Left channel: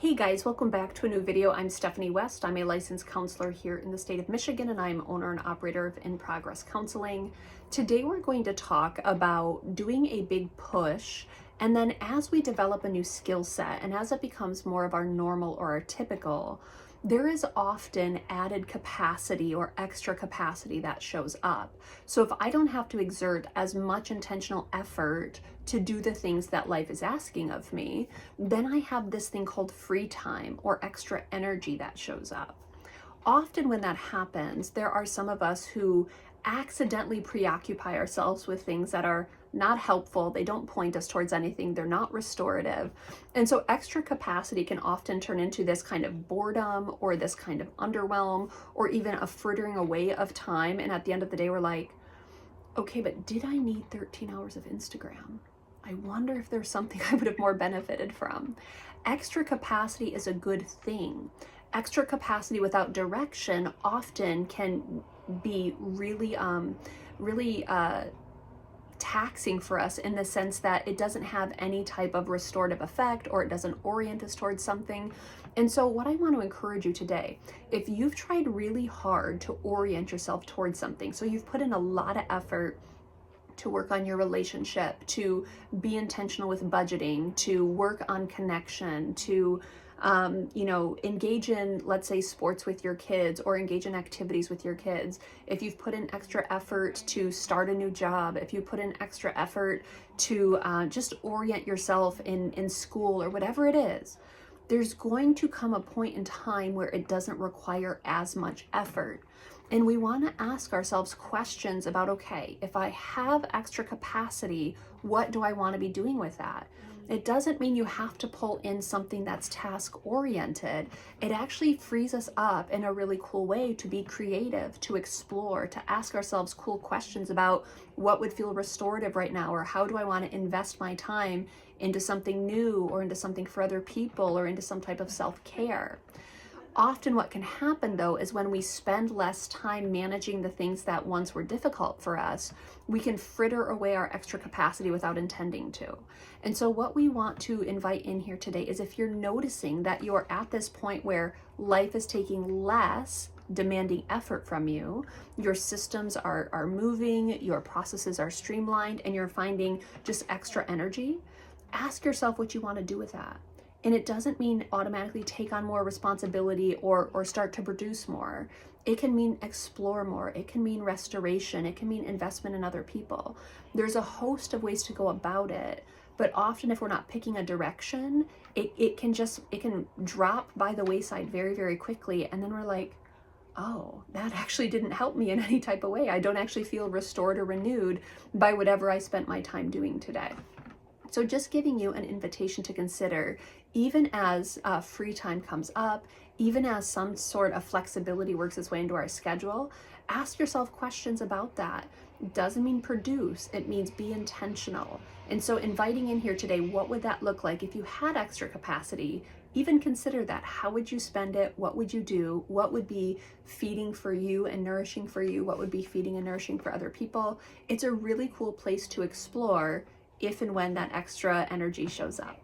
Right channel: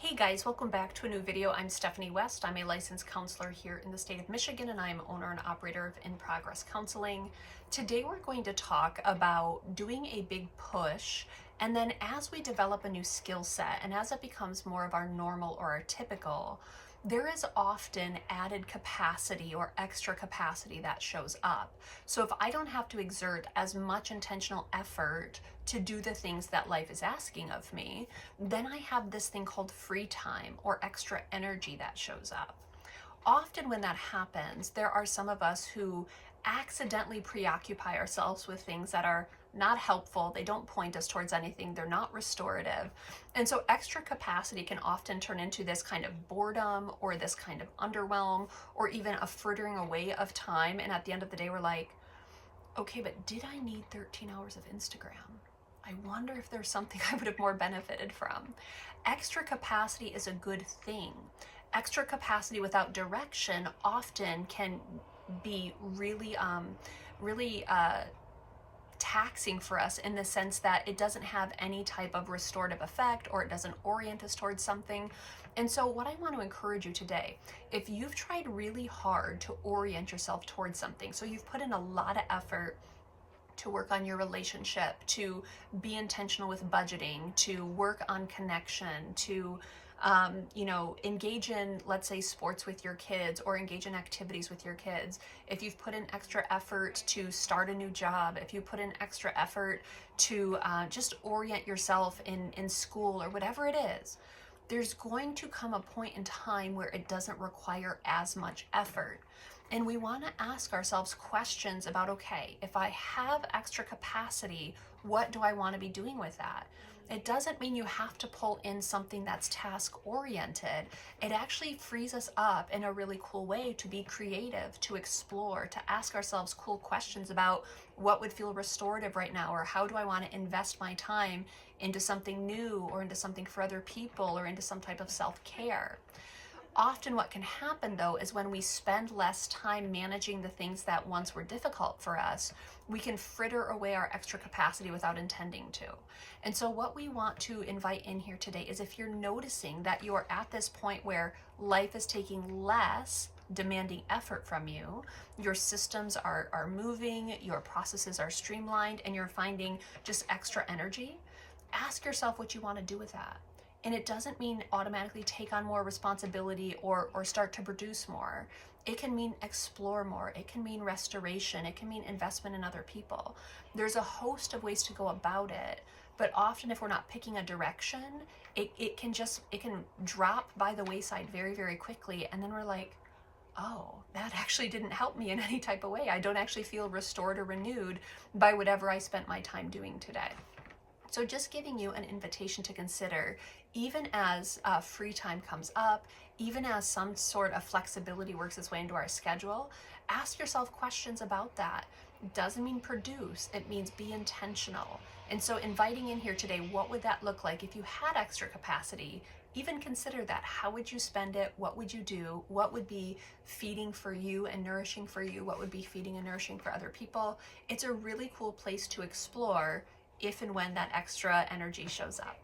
Hey guys, welcome back to a new video. I'm Stephanie West. I'm a licensed counselor here in the state of Michigan, and I'm owner and operator of In Progress Counseling. Today we're going to talk about doing a big push, and then as we develop a new skill set and as it becomes more of our normal or our typical, there is often added capacity or extra capacity that shows up. So if I don't have to exert as much intentional effort to do the things that life is asking of me, then I have this thing called free time or extra energy that shows up. Often when that happens, there are some of us who accidentally preoccupy ourselves with things that are not helpful. They don't point us towards anything. They're not restorative. And so extra capacity can often turn into this kind of boredom or this kind of underwhelm or even a frittering away of time. And at the end of the day, we're like, okay, but did I need 13 hours of Instagram? I wonder if there's something I would have more benefited from. Extra capacity is a good thing. Extra capacity without direction often can be really taxing for us in the sense that it doesn't have any type of restorative effect or it doesn't orient us towards something. And so what I want to encourage you today, if you've tried really hard to orient yourself towards something, so you've put in a lot of effort to work on your relationship, to be intentional with budgeting, to work on connection, to engage in, let's say, sports with your kids or engage in activities with your kids. If you've put in extra effort to start a new job, if you put in extra effort to just orient yourself in school or whatever it is, there's going to come a point in time where it doesn't require as much effort. And we want to ask ourselves questions about, okay, if I have extra capacity, what do I want to be doing with that? It doesn't mean you have to pull in something that's task-oriented. It actually frees us up in a really cool way to be creative, to explore, to ask ourselves cool questions about what would feel restorative right now, or how do I want to invest my time into something new or into something for other people or into some type of self-care. Often what can happen though is when we spend less time managing the things that once were difficult for us, we can fritter away our extra capacity without intending to. And so what we want to invite in here today is if you're noticing that you're at this point where life is taking less demanding effort from you, your systems are moving, your processes are streamlined, and you're finding just extra energy, ask yourself what you want to do with that. And it doesn't mean automatically take on more responsibility or start to produce more. It can mean explore more. It can mean restoration. It can mean investment in other people. There's a host of ways to go about it. But often if we're not picking a direction, it can drop by the wayside very, very quickly. And then we're like, oh, that actually didn't help me in any type of way. I don't actually feel restored or renewed by whatever I spent my time doing today. So just giving you an invitation to consider, even as free time comes up, even as some sort of flexibility works its way into our schedule, ask yourself questions about that. It doesn't mean produce, it means be intentional. And so inviting in here today, what would that look like if you had extra capacity? Even consider that. How would you spend it? What would you do? What would be feeding for you and nourishing for you? What would be feeding and nourishing for other people? It's a really cool place to explore if and when that extra energy shows up.